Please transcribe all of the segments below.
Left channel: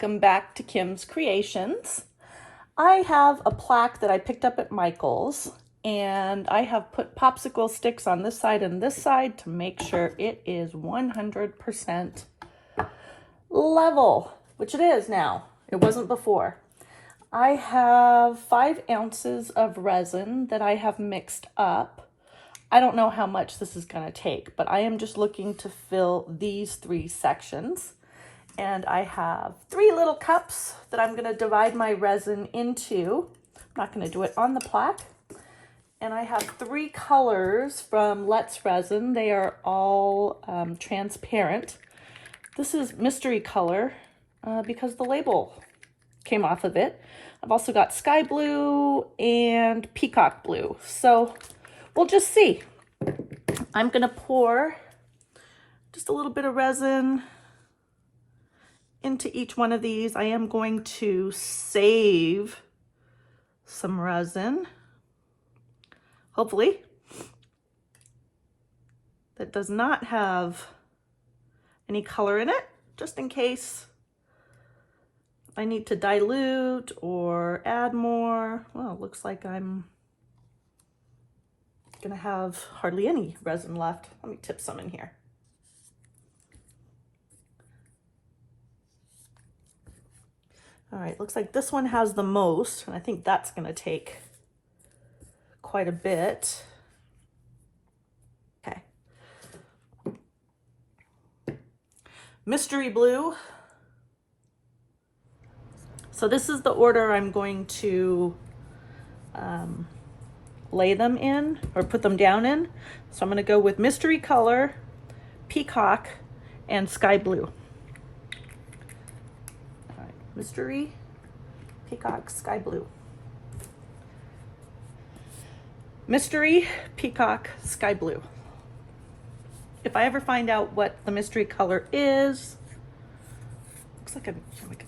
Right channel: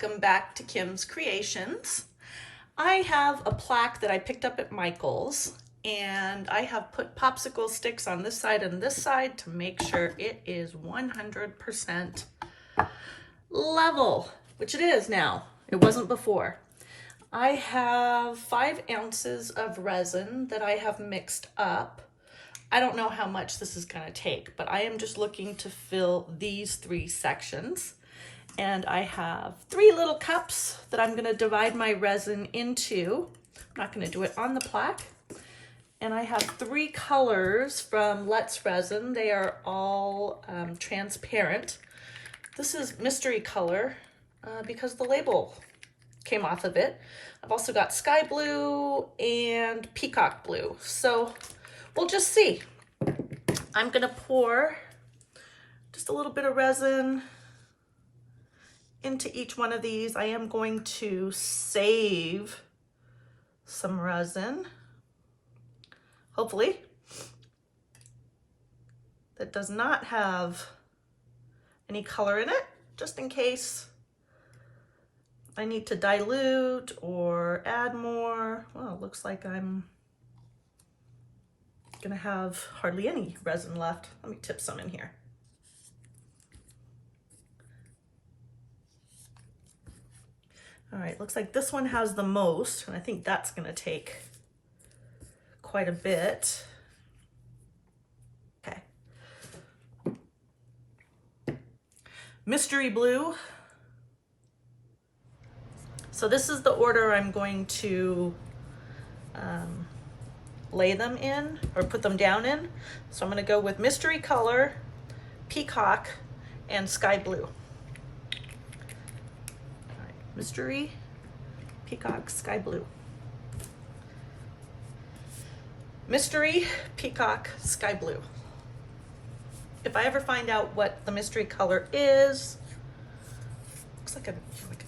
Welcome back to Kim's Creations. I have a plaque that I picked up at Michael's, and I have put popsicle sticks on this side and this side to make sure it is 100% level, which it is now. It wasn't before. I have 5 ounces of resin that I have mixed up. I don't know how much this is going to take, but I am just looking to fill these 3 sections. And I have 3 little cups that I'm going to divide my resin into. I'm not going to do it on the plaque. And I have 3 colors from Let's Resin. They are all transparent. This is mystery color because the label came off of it. I've also got sky blue and peacock blue. So we'll just see. I'm going to pour just a little bit of resin into each one of these. I am going to save some resin, hopefully, that does not have any color in it, just in case I need to dilute or add more. Well, it looks like I'm gonna have hardly any resin left. Let me tip some in here. All right, looks like this one has the most, and I think that's gonna take quite a bit. Okay. Mystery blue. So this is the order I'm going to lay them in or put them down in. So I'm gonna go with mystery color, peacock, and sky blue. Mystery, peacock, sky blue. Mystery, peacock, sky blue. If I ever find out what the mystery color is, looks like a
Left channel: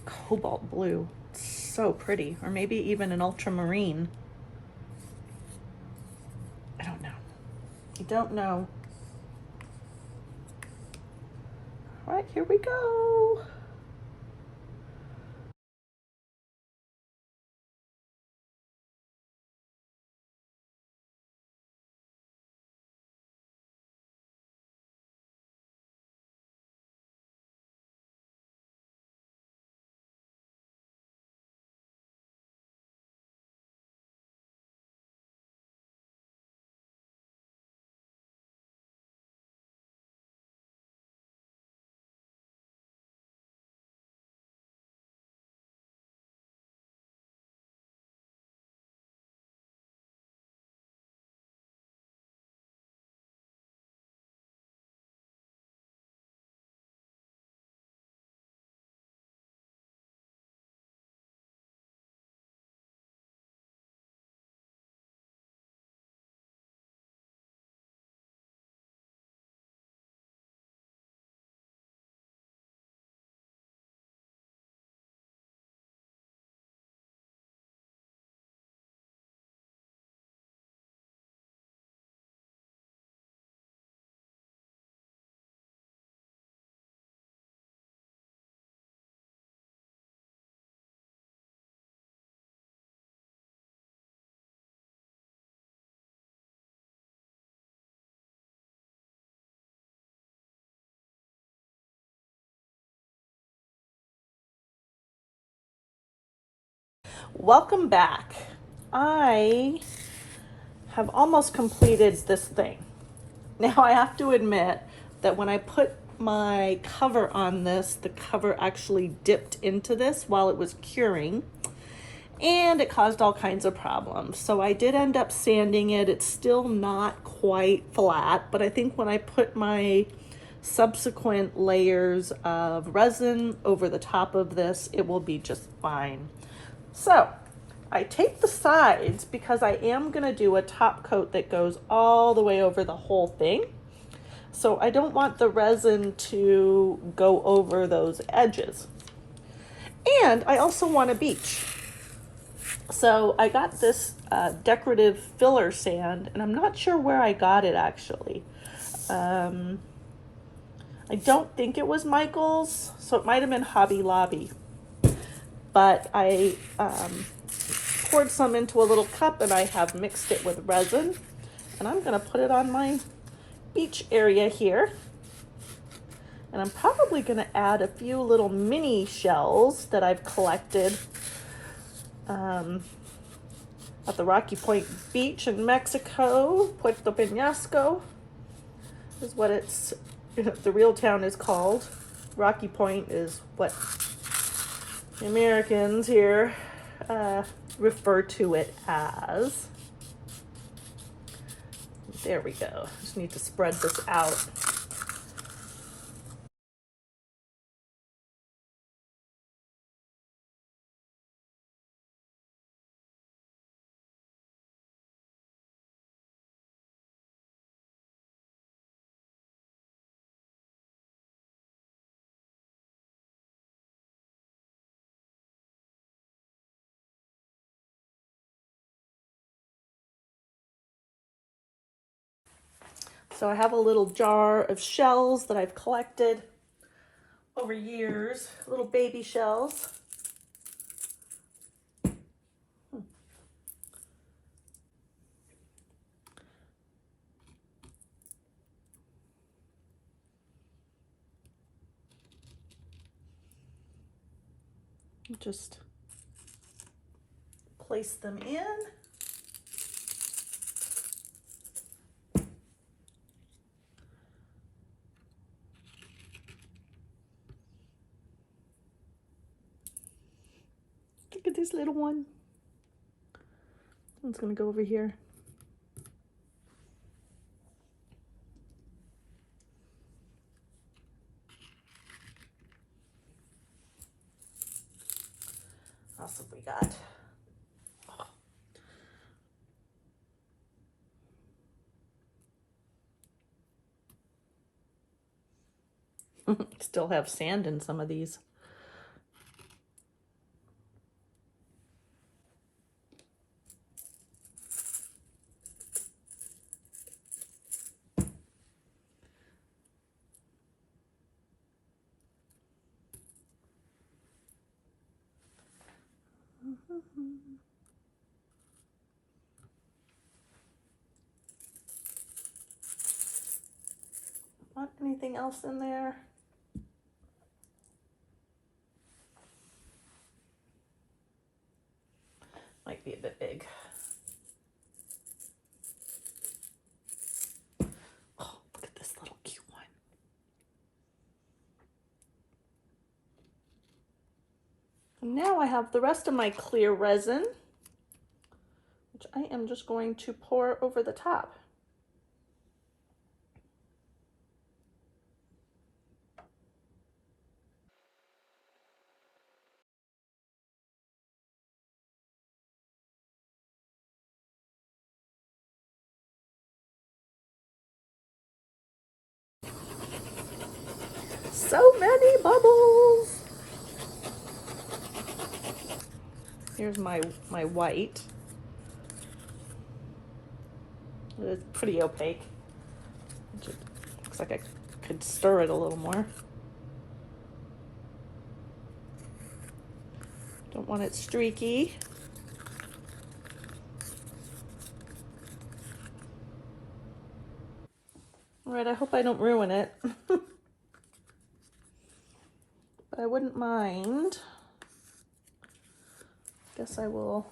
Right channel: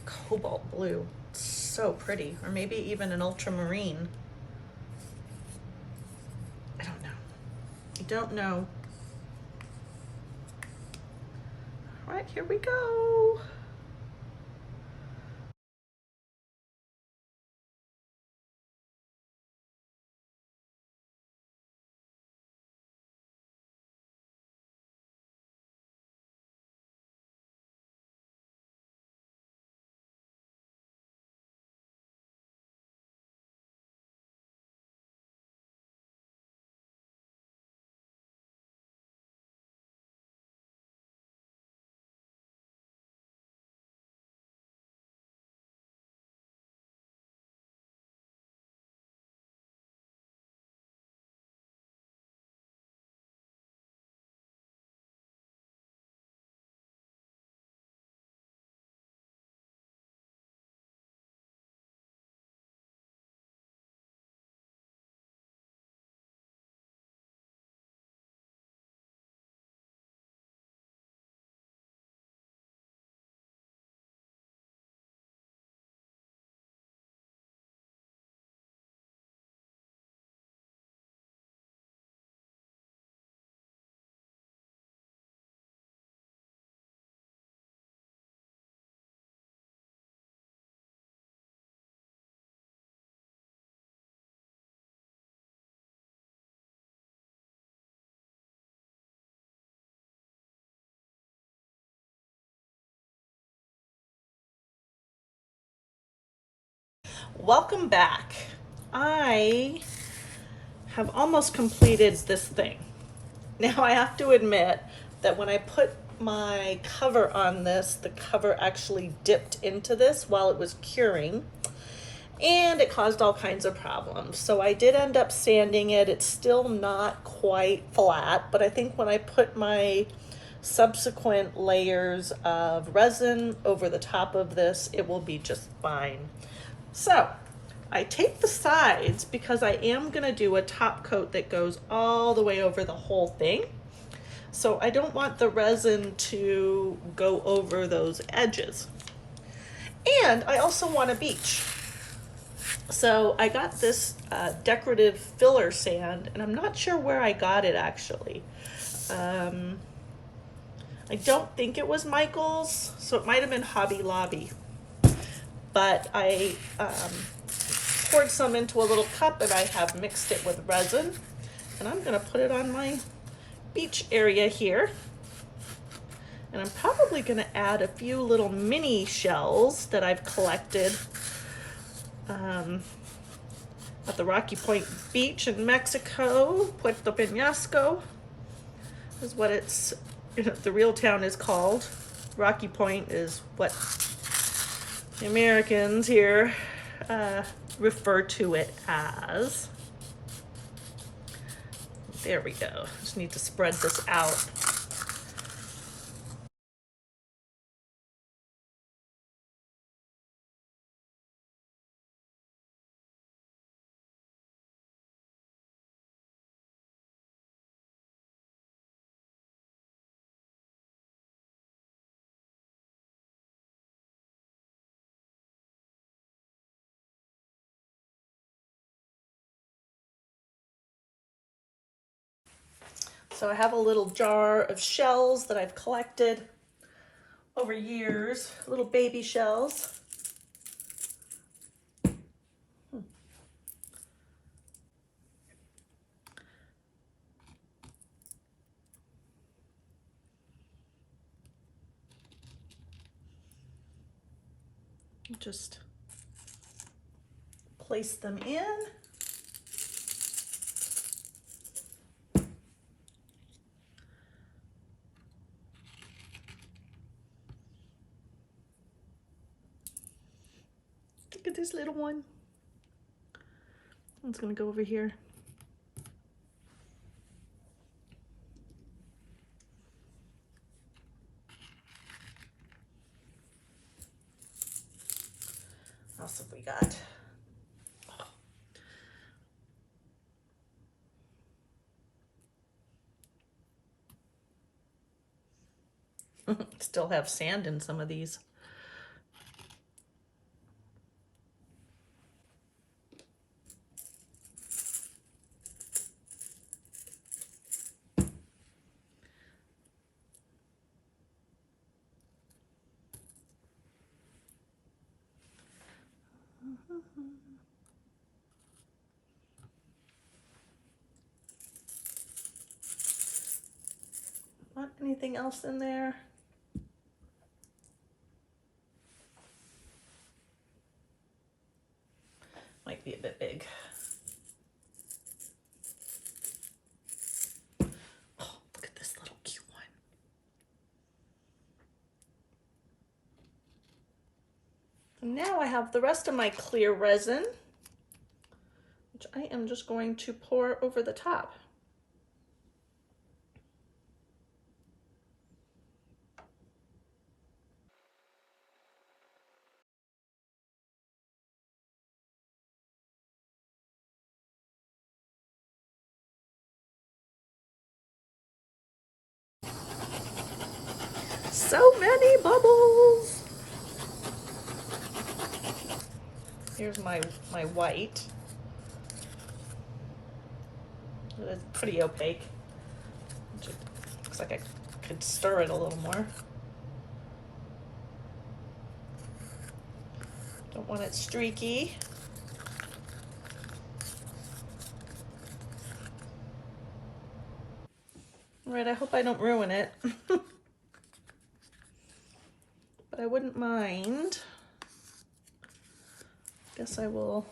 cobalt blue. It's so pretty. Or maybe even an ultramarine. I don't know. I don't know. All right, here we go. Welcome back. I have almost completed this thing. Now I have to admit that when I put my cover on this, the cover actually dipped into this while it was curing, and it caused all kinds of problems. So I did end up sanding it. It's still not quite flat, but I think when I put my subsequent layers of resin over the top of this, it will be just fine. So I take the sides because I am going to do a top coat that goes all the way over the whole thing. So I don't want the resin to go over those edges. And I also want a beach. So I got this decorative filler sand, and I'm not sure where I got it actually. I don't think it was Michael's, so it might have been Hobby Lobby. but I poured some into a little cup and I have mixed it with resin, and I'm gonna put it on my beach area here. And I'm probably gonna add a few little mini shells that I've collected at the Rocky Point Beach in Mexico. Puerto Peñasco is what it's, the real town is called. Rocky Point is what the Americans here refer to it as. There we go. Just need to spread this out. So I have a little jar of shells that I've collected over years, little baby shells. Just place them in. Look at this little one. One's gonna go over here. What else have we got? Still have sand in some of these. Want anything else in there? Might be a bit big. Oh, look at this little cute one. Now I have the rest of my clear resin, which I am just going to pour over the top. So many bubbles. Here's my white. It's pretty opaque. Looks like I could stir it a little more. Don't want it streaky. All right, I hope I don't ruin it. But I wouldn't mind. Guess I will.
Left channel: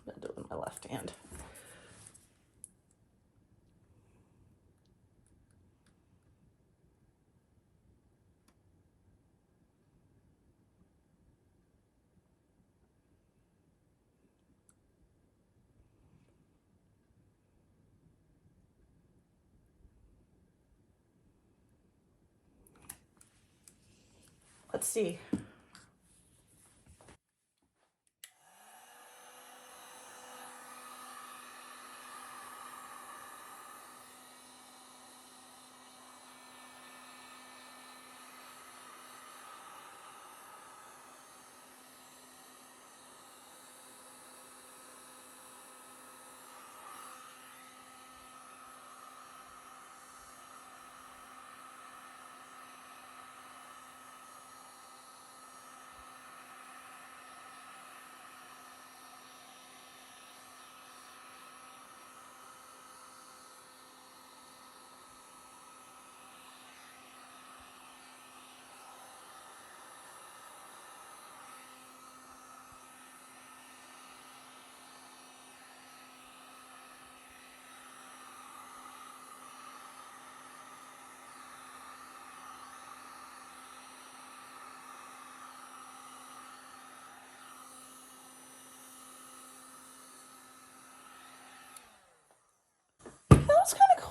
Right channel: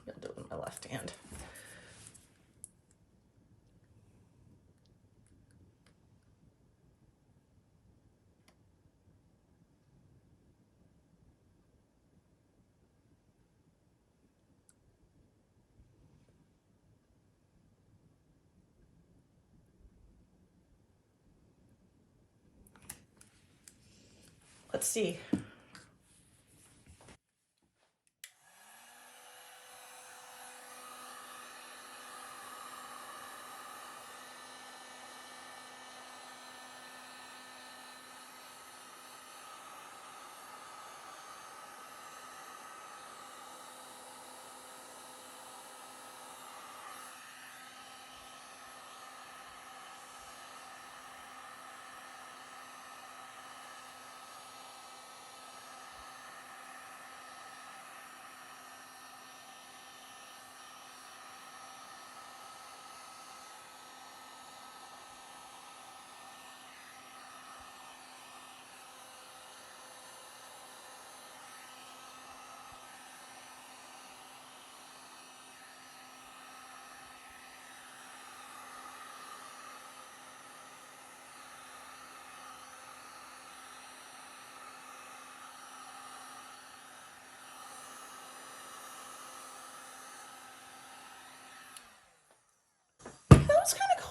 I'm gonna do it with my left hand. Let's see.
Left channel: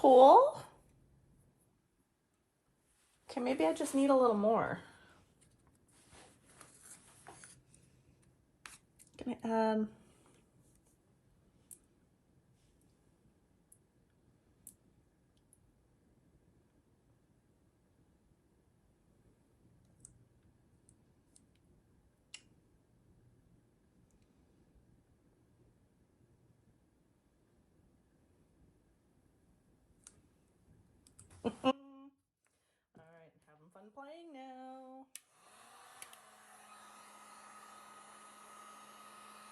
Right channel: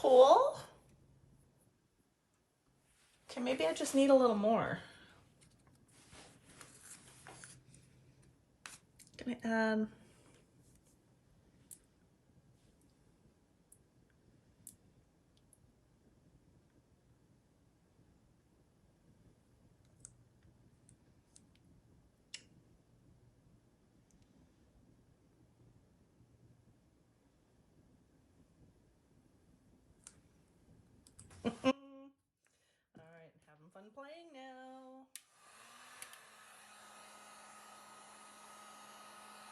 cool. Okay, maybe I just need a little more. Can I add? All right, having fun playing now.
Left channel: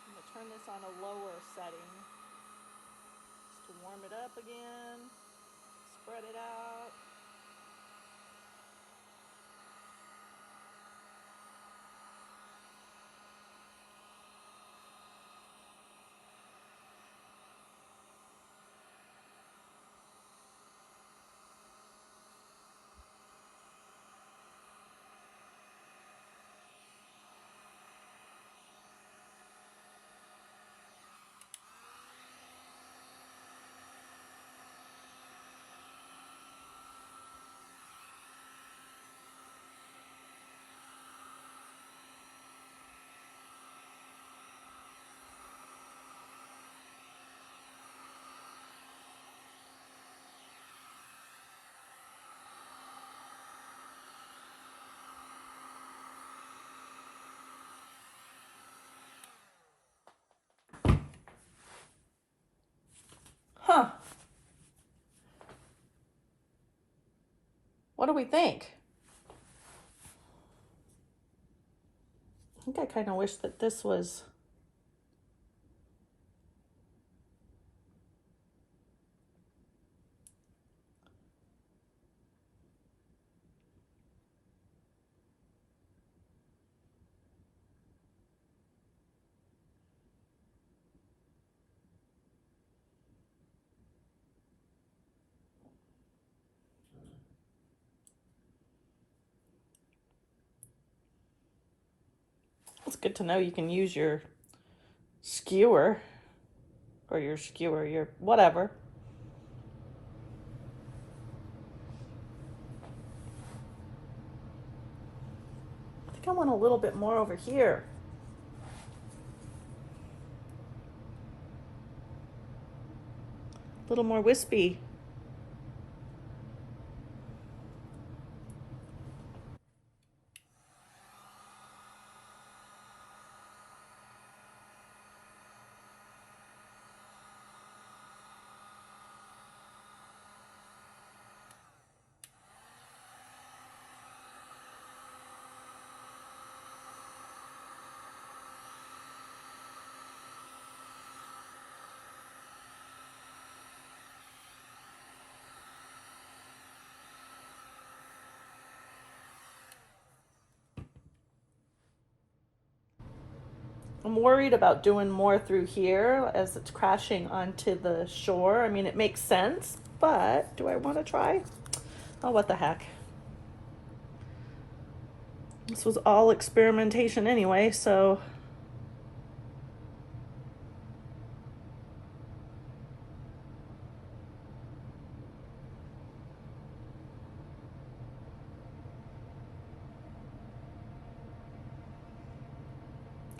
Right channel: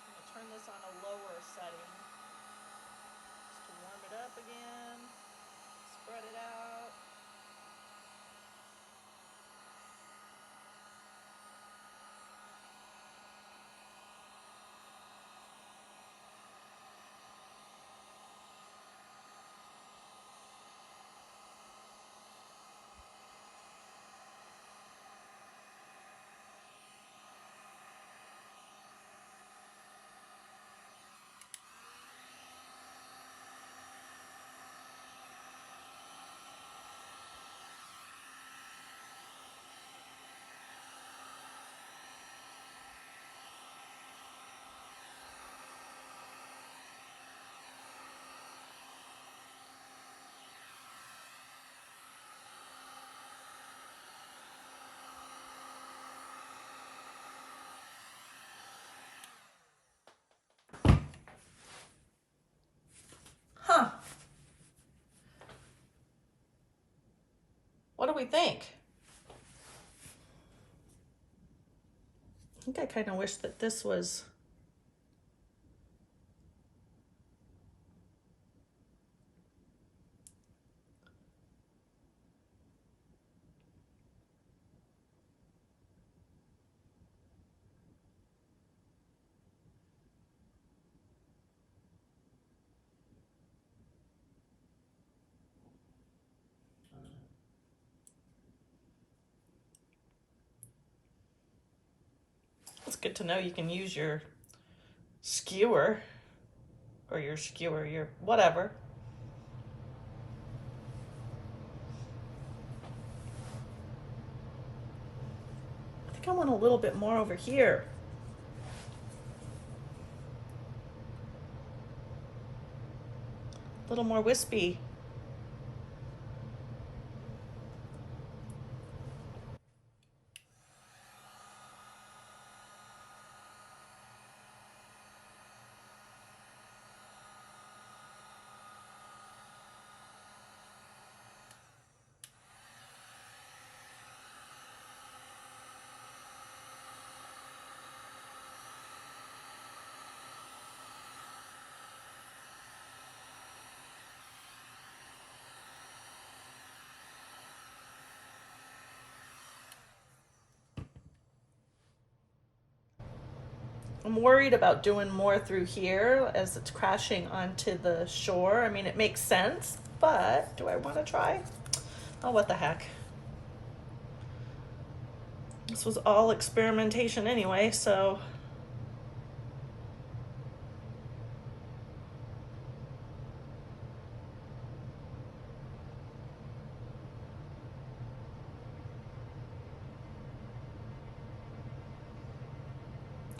I'm gonna turn this on a lower setting just to warm it up again. Spread it out. Huh. What do we think? I think I kind of wish that this was. It's good to know you can use your skewer or your whatever. I think I want a little bit more over here. A little more wispy. I'm worried about doing more through here as it's crashing onto the shore. I mean, it makes sense, but do I want to try? Oh, what the heck. This was all experimentation anyway, so.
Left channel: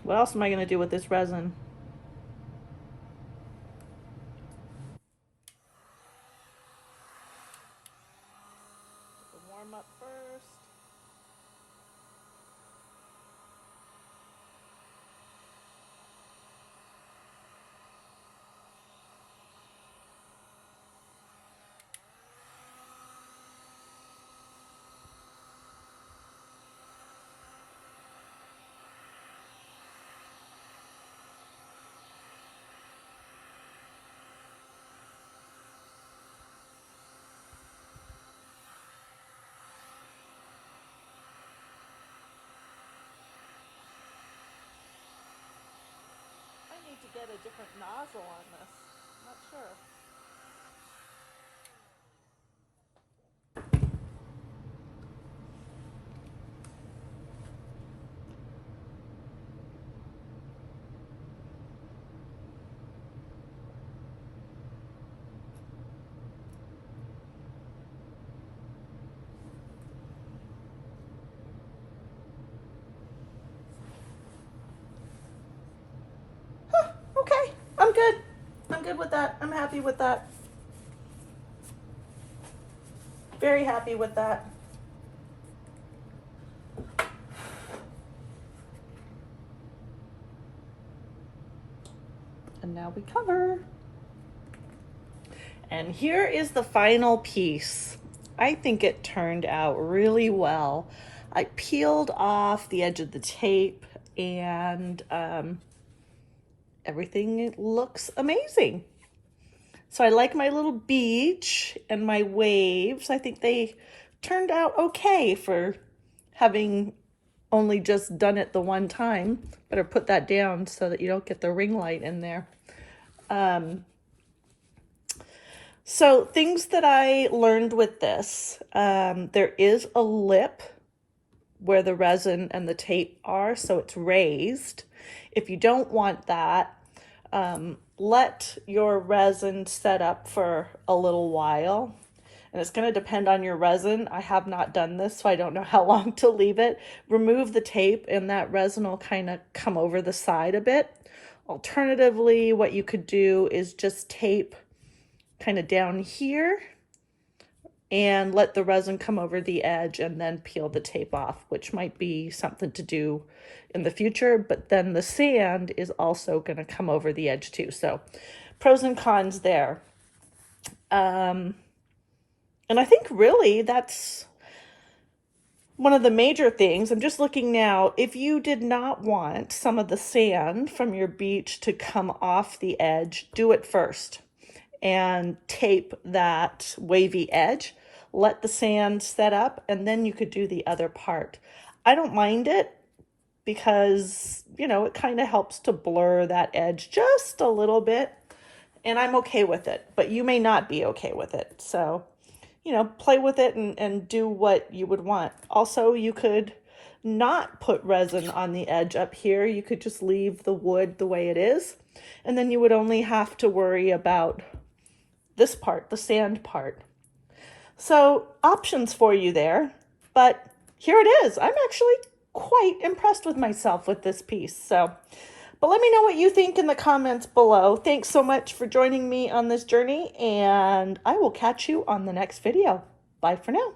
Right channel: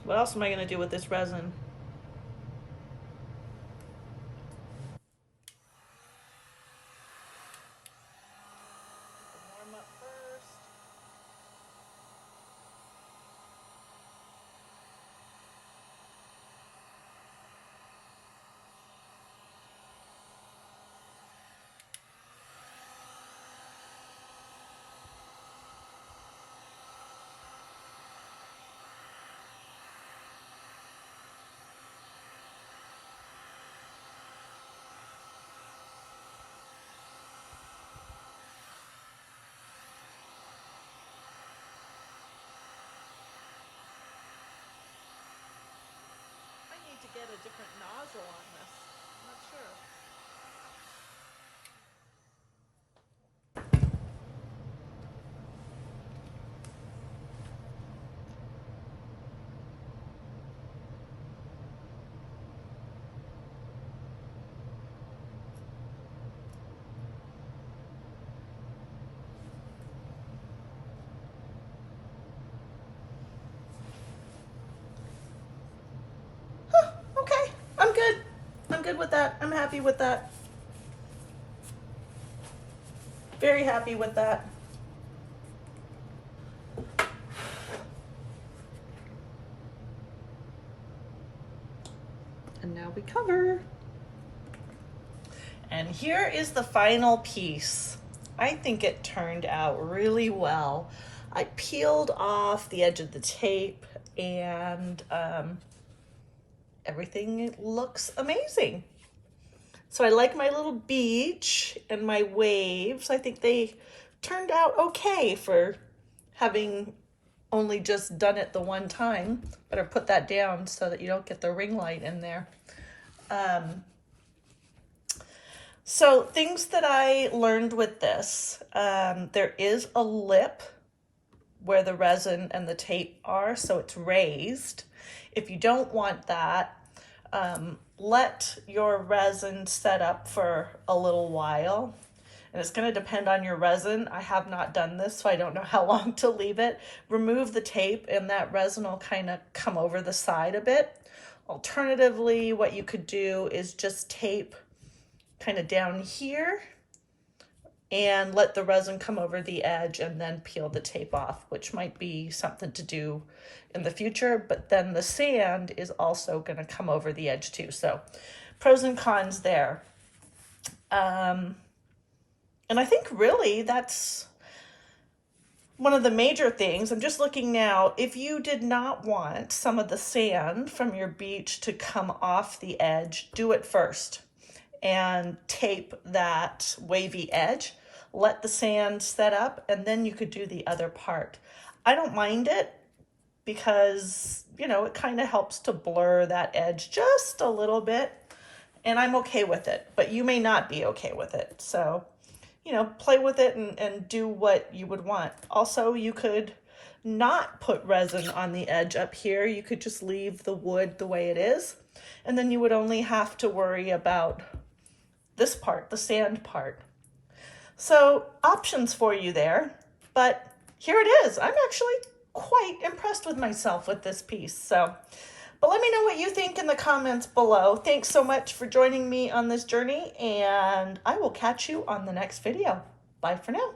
What else am I going to do with this resin? Warm up first. I need to get a different nozzle on this. I'm not sure. good with that. I'm happy with that. Very happy with that. And now we cover. And here is the final piece. I think it turned out really well. I peeled off the edge of the tape and everything looks amazing. So I like my little beach and my waves. I think they turned out okay for having only just done it the one time. Better put that down so that you don't get the ring light in there. So things that I learned with this, there is a lip where the resin and the tape are, so it's raised. If you don't want that, let your resin set up for a little while. And it's going to depend on your resin. I have not done this, so I don't know how long to leave it. Remove the tape and that resin will kind of come over the side a bit. Alternatively, what you could do is just tape kind of down here and let the resin come over the edge and then peel the tape off, which might be something to do in the future, but then the sand is also going to come over the edge too. So pros and cons there. And I think really that's one of the major things. I'm just looking now. If you did not want some of the sand from your beach to come off the edge, do it first and tape that wavy edge. Let the sand set up and then you could do the other part. I don't mind it because, you know, it kind of helps to blur that edge just a little bit and I'm okay with it, but you may not be okay with it. So, you know, play with it and do what you would want. Also, you could not put resin on the edge up here. You could just leave the wood the way it is, and then you would only have to worry about this part, the sand part. So options for you there, but here it is. I'm actually quite impressed with myself with this piece. So, but let me know what you think in the comments below. Thanks so much for joining me on this journey, and I will catch you on the next video. Bye for now.